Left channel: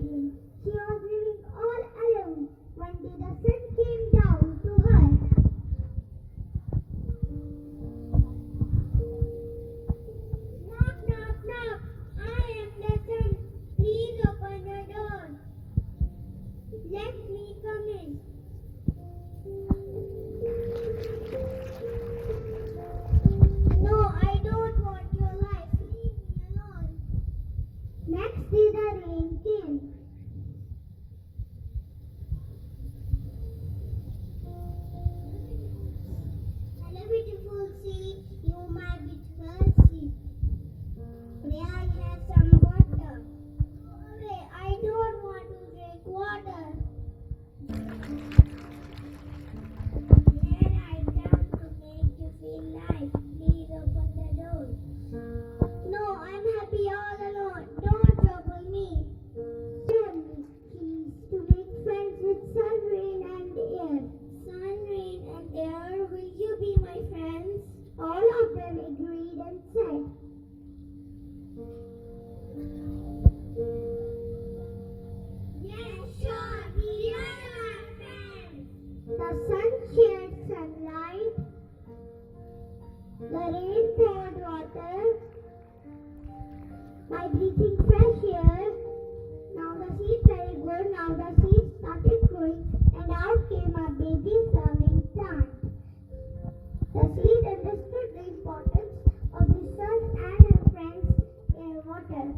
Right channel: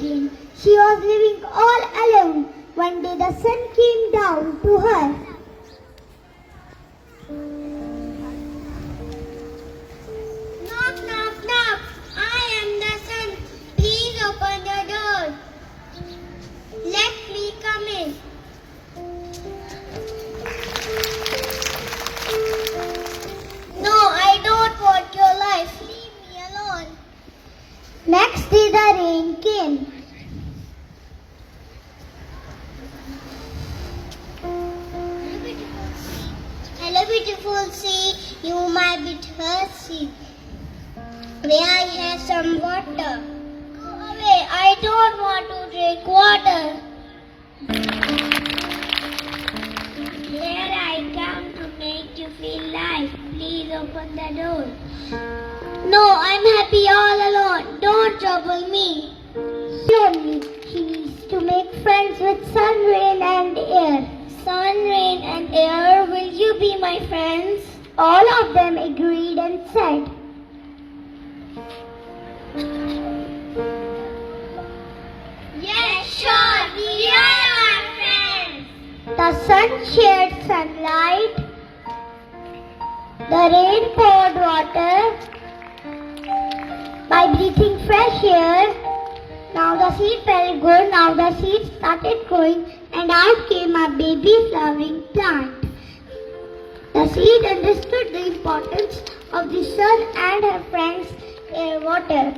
begin. She was living all alone. One day the sun came down to her. Knock, knock, knock. I am the sun. Please open the door. Let me come in. No, I don't want your life. Leave me alone. Next day the rain came. Hello, beautiful sea. You might be thirsty. May I have some water? Go away. I don't want to drink water. Here I come to make you feel life. Please open the door. No, I'm happy all alone. Don't trouble me. Lonely. She needs to make friends with sun, rain and air. Sun, rain, and air, will you be my friends? All of them agreed and said, Yes, sure, we are our friends. the sun shared sunlight, the rain poured water. By breathing fresh air, now the seed felt good, now the seed started growing, and out came a baby flowering plant. The seed understood the importance of the sun and her friends' air water.